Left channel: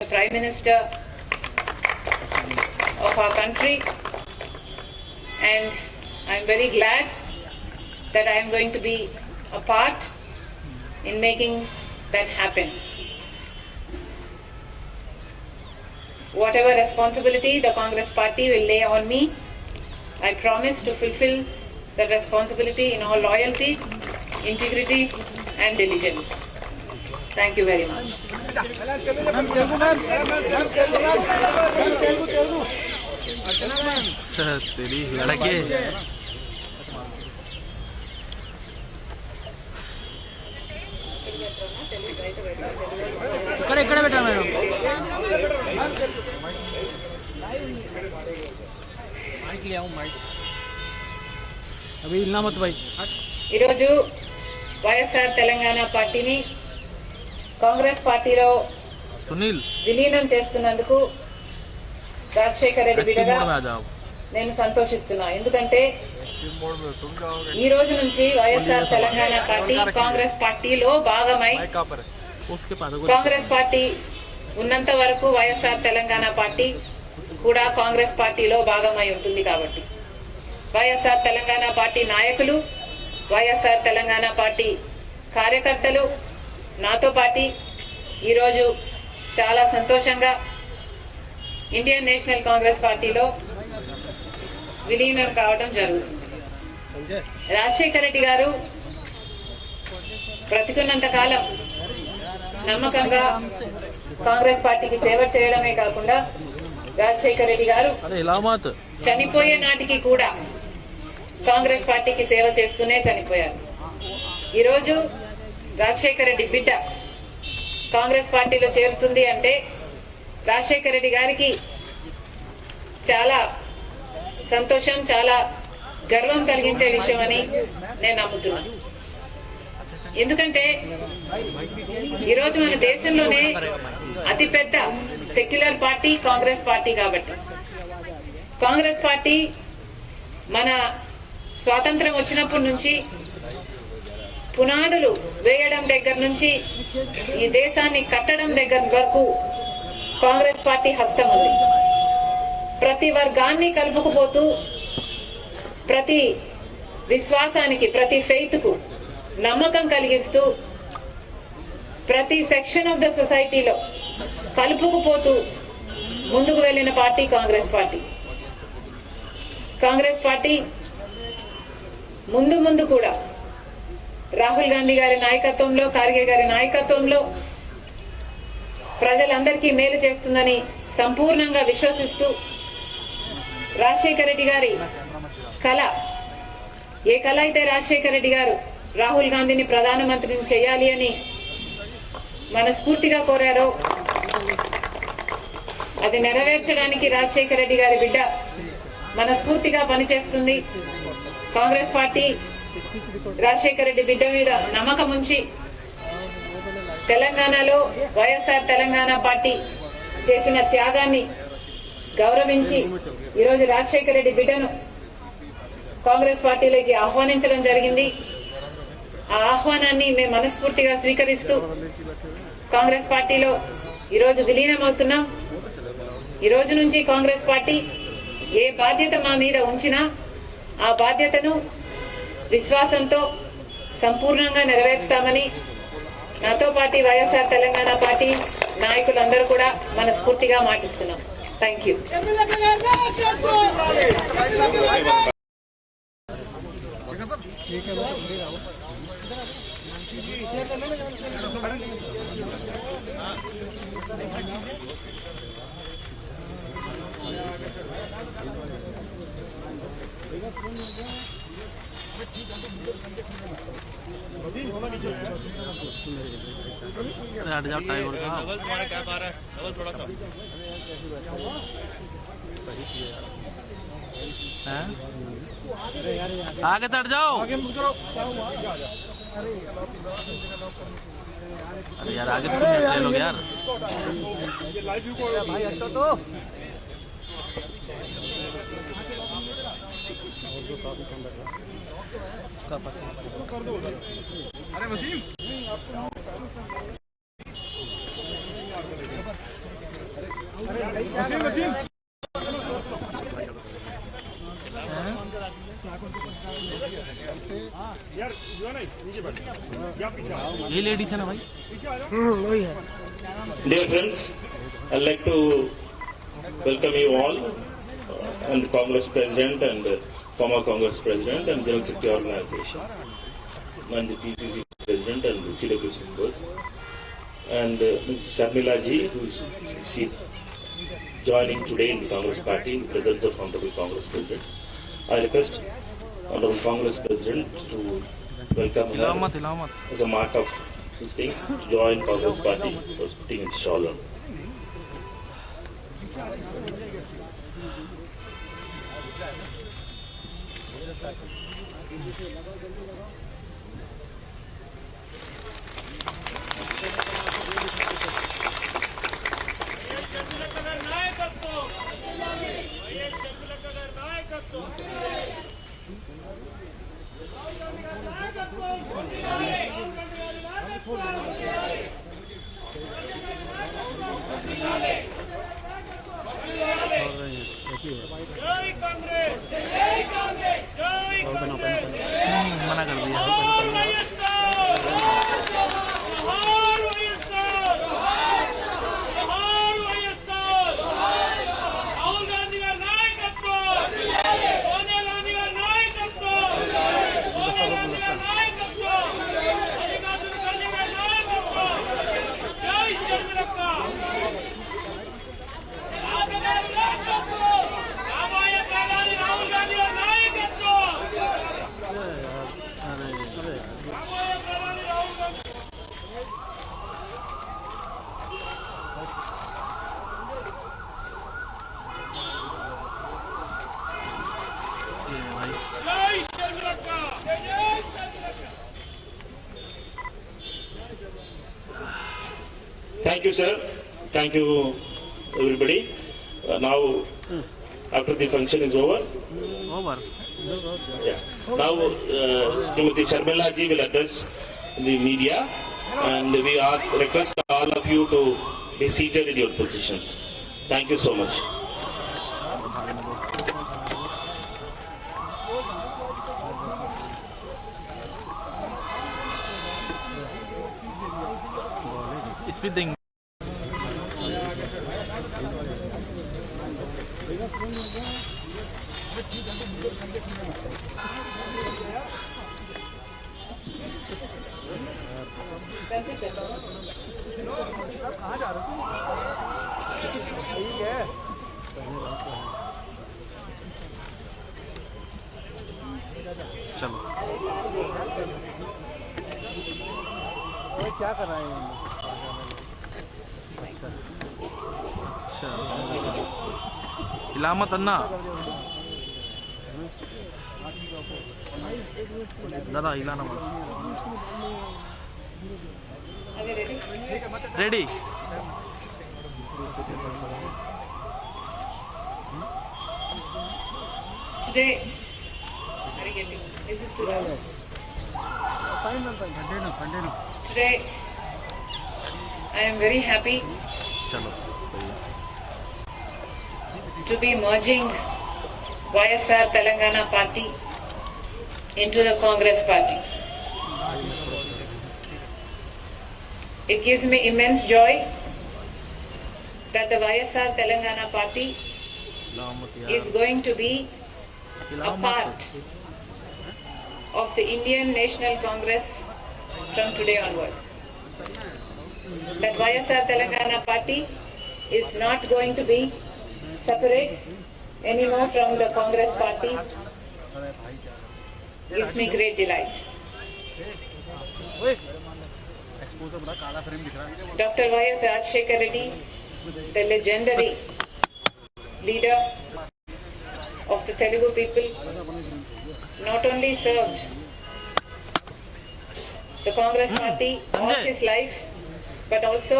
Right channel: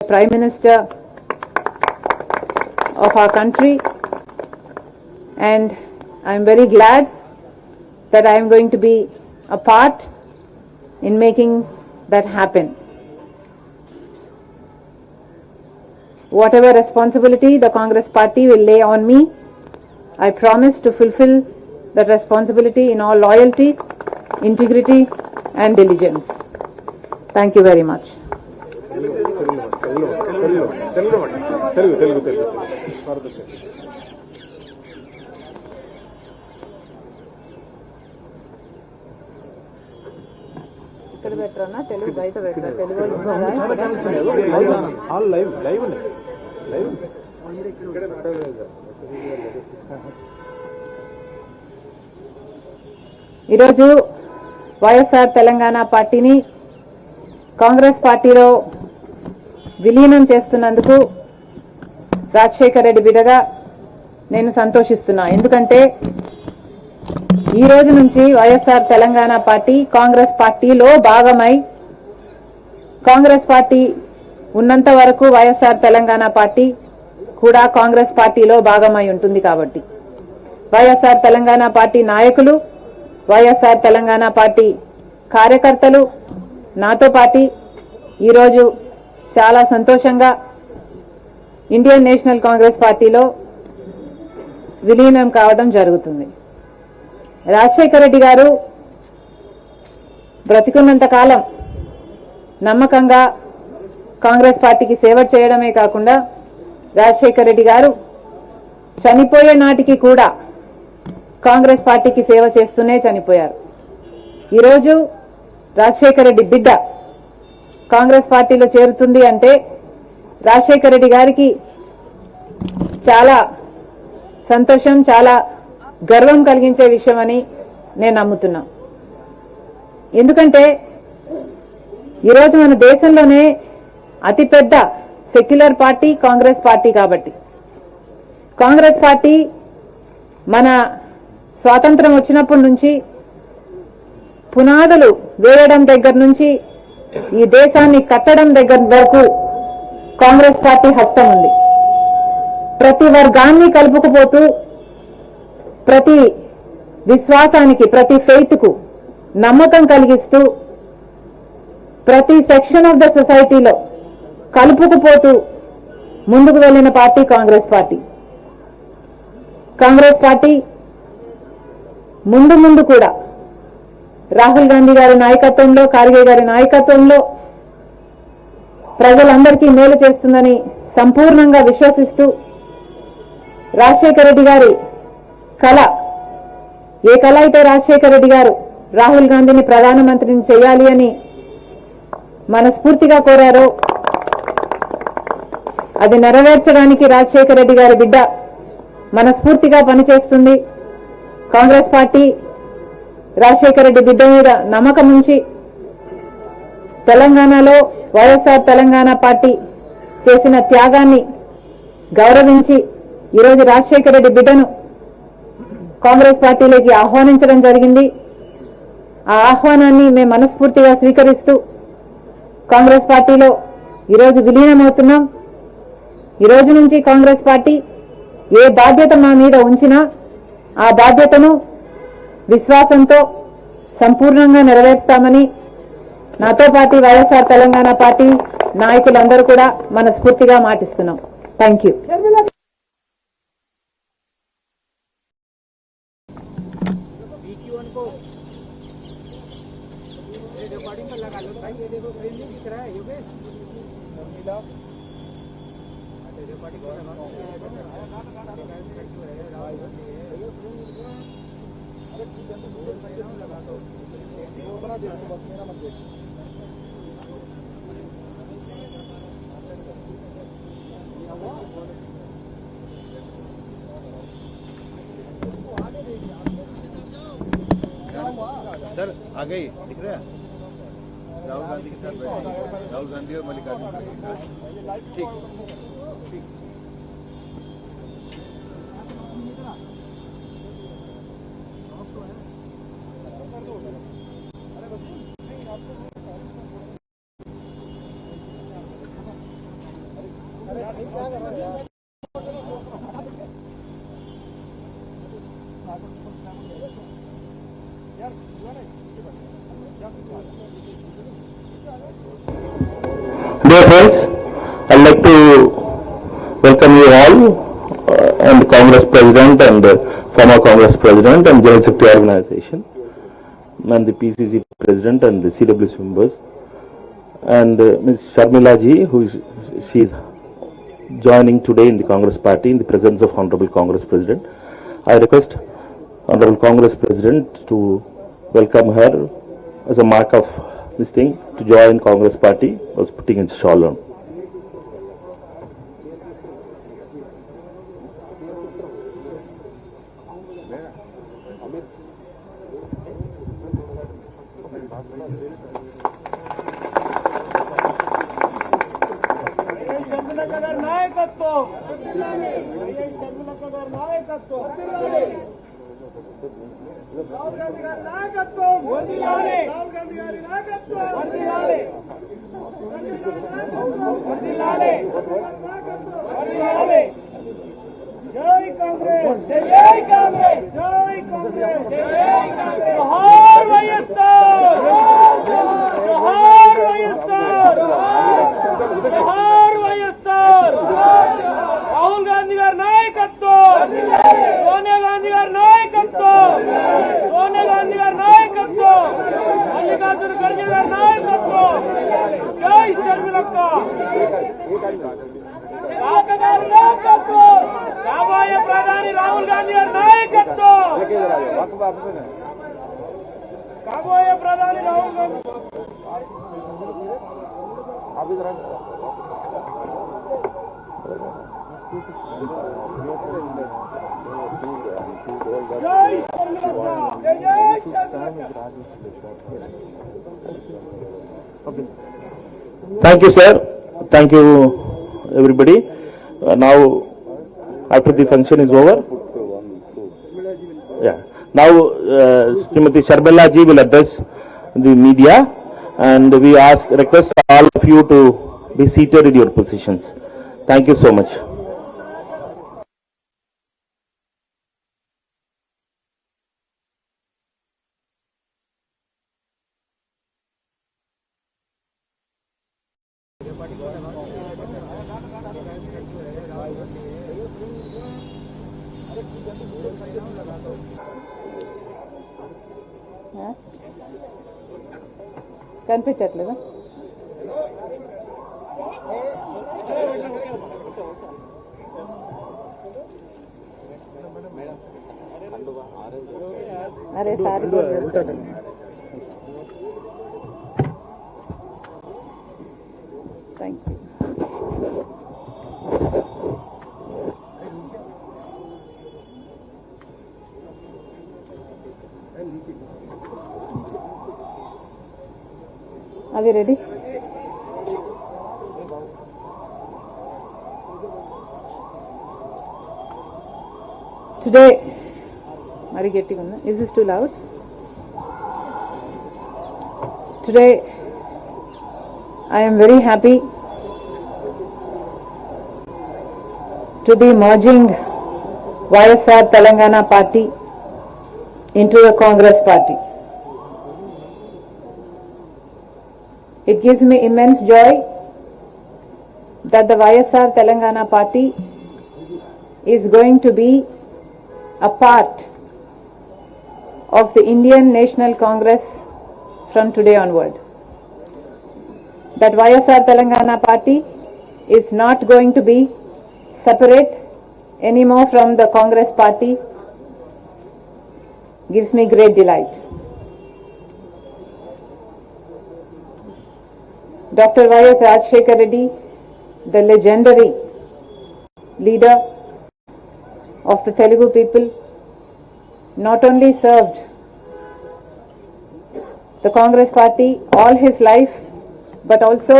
Prime Minister of our country, and I'm very glad that I am going to be a part in making that happen. Whatever responsibility the Congress party will lay on me, I promise to fulfill that responsibility in all loyalty, integrity and diligence. Thank you very much. ఈరోజు వైఎస్ఆర్ తెలంగాణ పార్టీని కాంగ్రెస్ పార్టీలో విలీనం చేస్తున్నందుకు రాజశేఖర్ రెడ్డి బిడ్డగా నేను సంతోషిస్తున్నా. ఎందుకంటే ఈ రోజు నుంచి వైఎస్ఆర్ తెలంగాణ పార్టీ కాంగ్రెస్ పార్టీలో భాగమై, కాంగ్రెస్ పార్టీ ఉన్నంత వరకు వైఎస్ఆర్ తెలంగాణ పార్టీ కూడా కాంగ్రెస్ పార్టీలో భాగమై ఉంటుంది. కాబట్టి వైఎస్ఆర్ తెలంగాణ పార్టీ నాయకులు, వైఎస్ఆర్ తెలంగాణ పార్టీ కార్యకర్తలు నాతో పాటు ఈరోజు చాలా సంతోషంగా ఇండియన్ నేషనల్ కాంగ్రెస్ పార్టీలో విలీనం కావడం జరుగుతుంది. రాజశేఖర్ రెడ్డి గారు బ్రతికున్నంత కాలం నమ్మకంగా కాంగ్రెస్ పార్టీకి సేవ చేయడమే కాకుండా రాజశేఖర్ రెడ్డి గారు చనిపోయే నాటికి కూడా కాంగ్రెస్ పార్టీకి సేవ చేస్తూనే చనిపోయారు. ఈరోజు రాజశేఖర్ రెడ్డి బిడ్డ కాంగ్రెస్ పార్టీలో చేరుతుంది అంటే రాజశేఖర్ రెడ్డి గారికి చాలా సంతోషం, చాలా గర్వం కలిగించే విషయం అని నేను నమ్ముతున్నా. ఎందుకంటే ఈరోజు మన దేశంలోనే అతిపెద్ద సెక్యులర్ పార్టీ కాంగ్రెస్ పార్టీ. కాబట్టి కాంగ్రెస్ పార్టీ మన స్వాతంత్రం వచ్చినప్పటి నుంచి పునాదులు వేయడం దగ్గర నుంచి ఈ దేశాన్ని కట్టడం దగ్గర వరకు కాంగ్రెస్ పార్టీ హస్తం ఉంది. ప్రతి వర్గాన్ని కలుపుకుపోతూ, ప్రతి విశ్వాసానికి, ప్రతి ఫెయిత్ కు నమ్మకం కలిగిస్తూ, ప్రతి సెక్షన్ ఆఫ్ ద సొసైటీలో కలుపుకుపోతూ ముందుకు వెళ్లిన పార్టీ కాంగ్రెస్ పార్టీ. కాంగ్రెస్ పార్టీ ముందు కూడా రాహుల్ గాంధీ గారి నాయకత్వంలో, ఖార్గే గారి నాయకత్వంలో ప్రజలందరికీ మేలు చేస్తుందని సంపూర్ణంగా విశ్వసిస్తూ, రాజశేఖర్ రెడ్డి గారి కళ, ఏ కళ అయితే రాజశేఖర్ రెడ్డి గారు రాహుల్ గాంధీని ప్రధానమంత్రిని చేయాలి అని మనస్ఫూర్తిగా కోరారో అది నెరవేర్చడానికి రాజశేఖర్ రెడ్డి గారి బిడ్డ మనస్ఫూర్తిగా పనిచేస్తుంది. కాంగ్రెస్ పార్టీ రాజశేఖర్ రెడ్డి బిడ్డ మీద నమ్మకం ఉంచి తెలంగాణలో వైఎస్ఆర్ తెలంగాణ పార్టీ చేసిన త్యాగాన్ని గౌరవించి ఈరోజు రాజశేఖర్ రెడ్డి బిడ్డను కాంగ్రెస్ పార్టీలోకి ఆహ్వానించడం జరిగింది. ఆ ఆహ్వానాన్ని మేము మనస్ఫూర్తిగా స్వీకరిస్తూ కాంగ్రెస్ పార్టీలో ఈరోజు విలీనమవుతున్నాం. ఈ రోజు నుంచి కాంగ్రెస్ పార్టీ ఏ బాధ్యత మా మీద ఉంచినా ఆ బాధ్యతను విశ్వాసంతో సంపూర్ణంగా నెరవేర్స్తామని నాతో పాటు వైఎస్ఆర్ తెలంగాణ పార్టీ నాయకులందరూ కూడా మనస్ఫూర్తిగా మాటిస్తున్నాం. Thank you. आगे चढ़ जाओ, सर आगे यार आगे ले लो यार। ये लेडीज है ना भाई. Dear friends, I'd like to welcome you all and Congress President and former Congress President and General Secretary Organization and the PCC President and the CWC members and Ms. Sharmila ji, she is joining today in the Congress Party in the presence of Honorable Congress President. I request Honorable Congress President to welcome her as a mark of this thing to join Congress Party. I was putting it shawl on. जय कांग्रेस जय कांग्रेस जय कांग्रेस जोहार वाईएसआर जोहार वाईएसआर जोहार वाईएसआर राहुल गांधी गारी नायकत्వం सोनिया गांधी गारी नायकत्వం सोनिया गांधी गारी नायकत्వం मल्लिकार्जुन खड़गे गारी नायकत्వం जय शर्मिलक्क రాబోయే ప్రధాని రాహుల్ గాంధీ గారి నాయకత్వం రాబోయే ప్రధాని రాహుల్ గాంధీ జై శర్మిలక్క జై శర్మిలక్క. Thank you, sir. Thank you, everybody. Now, after the function is over, yeah. Now, Srimati Sharmila ji will address the media, and we request all of you to be seated in your positions. Thank you so much. Speeding. కనిపించట్లేదా? अरे सारी क्या कर रहा है? अच्छा इलामत अन्ना दादा हिलाना पड़ा. Are we ready? Ready. Today, are you getting on? Is this too loud? Today, I am very happy to be merging YSR Telangana Party into the Congress Party. It gives me immense joy that the YSR Telangana Party is going to be a part of the Indian National Congress from today onward. That YSR Telangana Party is not going to be separate anymore from the Congress Party gives me great delight. Dr. Y.S. Rajshekhar Reddy, the legendary leader of the Telugu people, not only served the Congress Party all his life, but also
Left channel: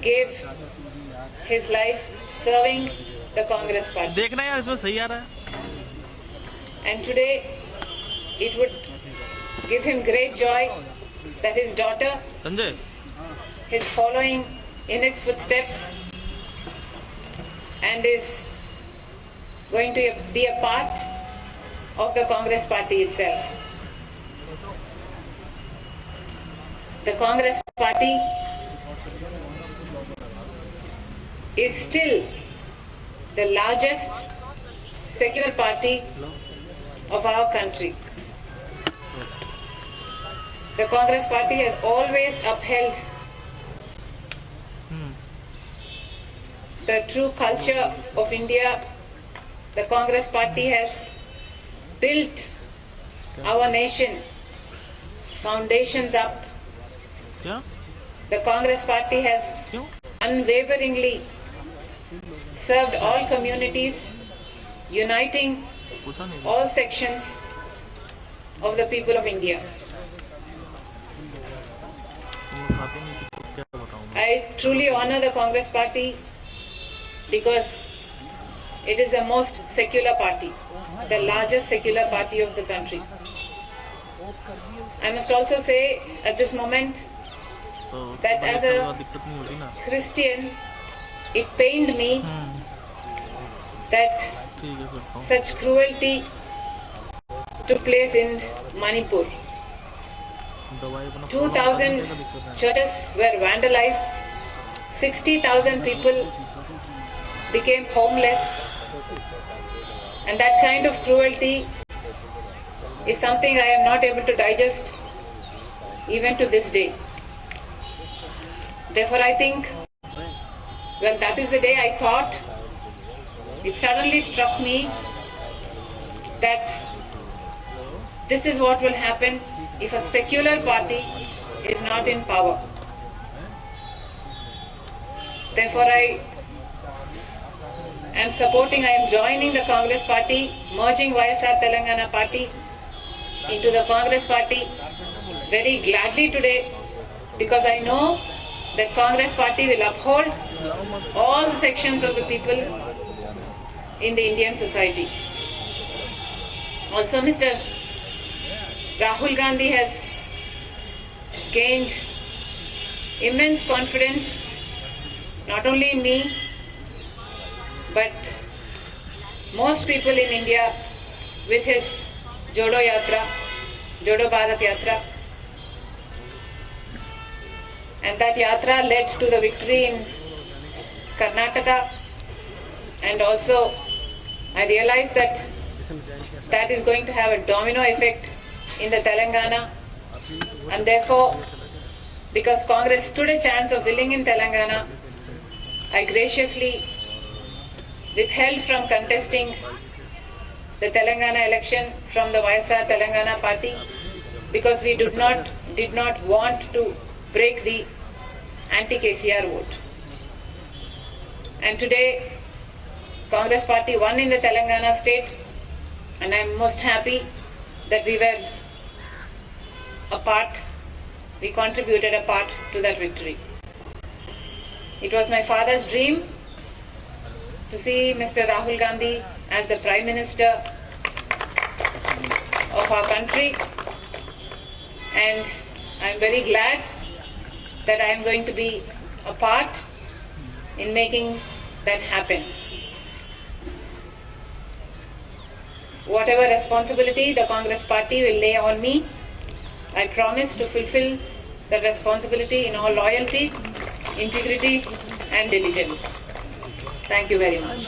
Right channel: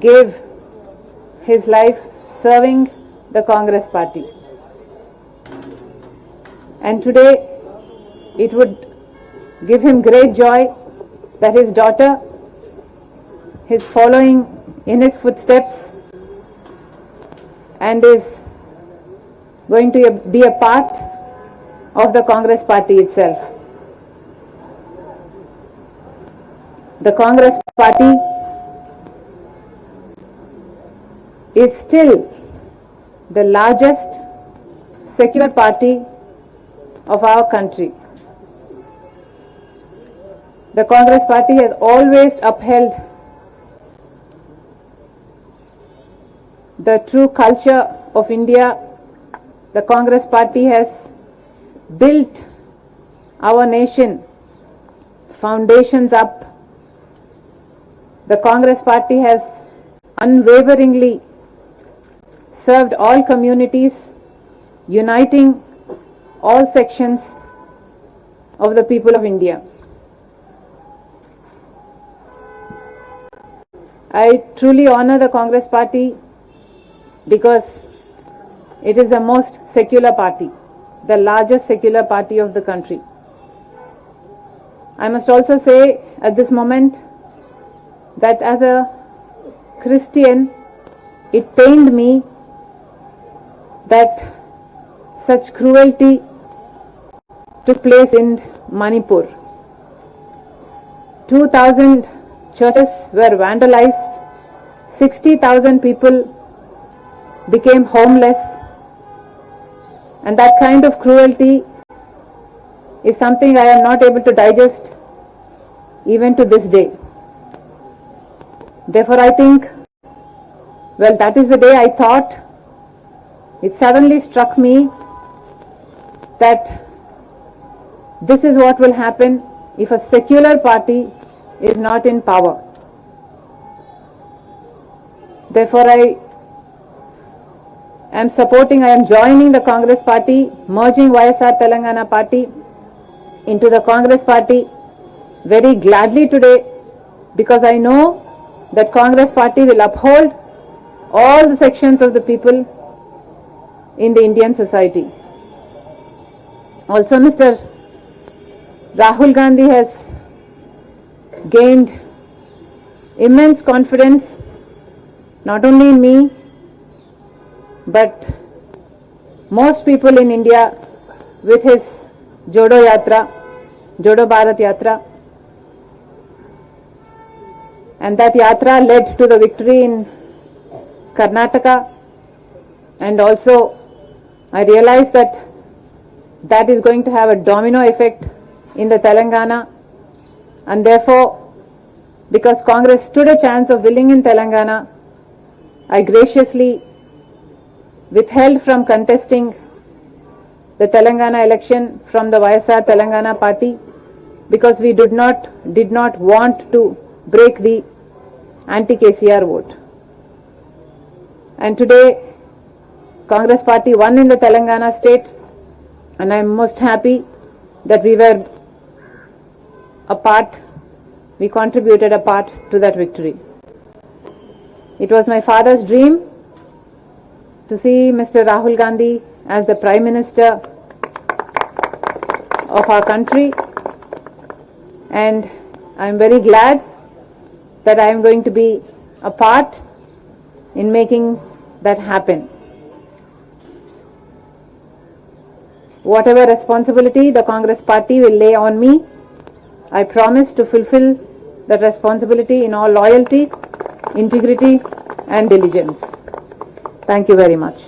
gave his life serving the Congress Party. देखना यार इसमें सही आ रहा है. And today it would give him great joy that his daughter Sanjay is following in his footsteps and is going to be a part of the Congress party itself. The Congress party is still the largest secular party of our country. The Congress party has always upheld the true culture of India. The Congress party has built our nation foundations up. क्या The Congress party has क्यों unwaveringly served all communities, uniting पूछा नहीं all sections of the people of India. क्या बताऊं I truly honor the Congress party because it is the most secular party, the largest secular party of the country. I must also say at this moment तो that as a दिक्कत नहीं हो रही ना Christian, it pained me that ठीक है करता हूँ such cruelty took place in Manipur. दवाई अपना 2,000 churches were vandalized, 60,000 people became homeless, and that kind of cruelty is something I am not able to digest even to this day. Therefore, I think, well, that is the day I thought, it suddenly struck me that this is what will happen if a secular party is not in power. Therefore, I am joining the Congress party, merging YSR Telangana party into the Congress party very gladly today, because I know that Congress party will uphold all the sections of the people in the Indian society. Also, Mr. Rahul Gandhi has gained immense confidence not only in me but most people in India with his Jodo Yatra, Jodo Bharat Yatra, and that yatra led to the victory in Karnataka, and also I realized that that is going to have a domino effect in the Telangana, and therefore, because Congress stood a chance of winning in Telangana, I graciously withheld from contesting the Telangana election from the YSR Telangana party, because we did not want to break the anti-KCR vote. And today, Congress party won in the Telangana state, and I am most happy that we contributed a part to that victory. It was my father's dream to see Mr. Rahul Gandhi as the Prime Minister of our country, and I am very glad that I am going to be a part in making that happen. Whatever responsibility the Congress party will lay on me, I promise to fulfill that responsibility in all loyalty, integrity and diligence. Thank you very much.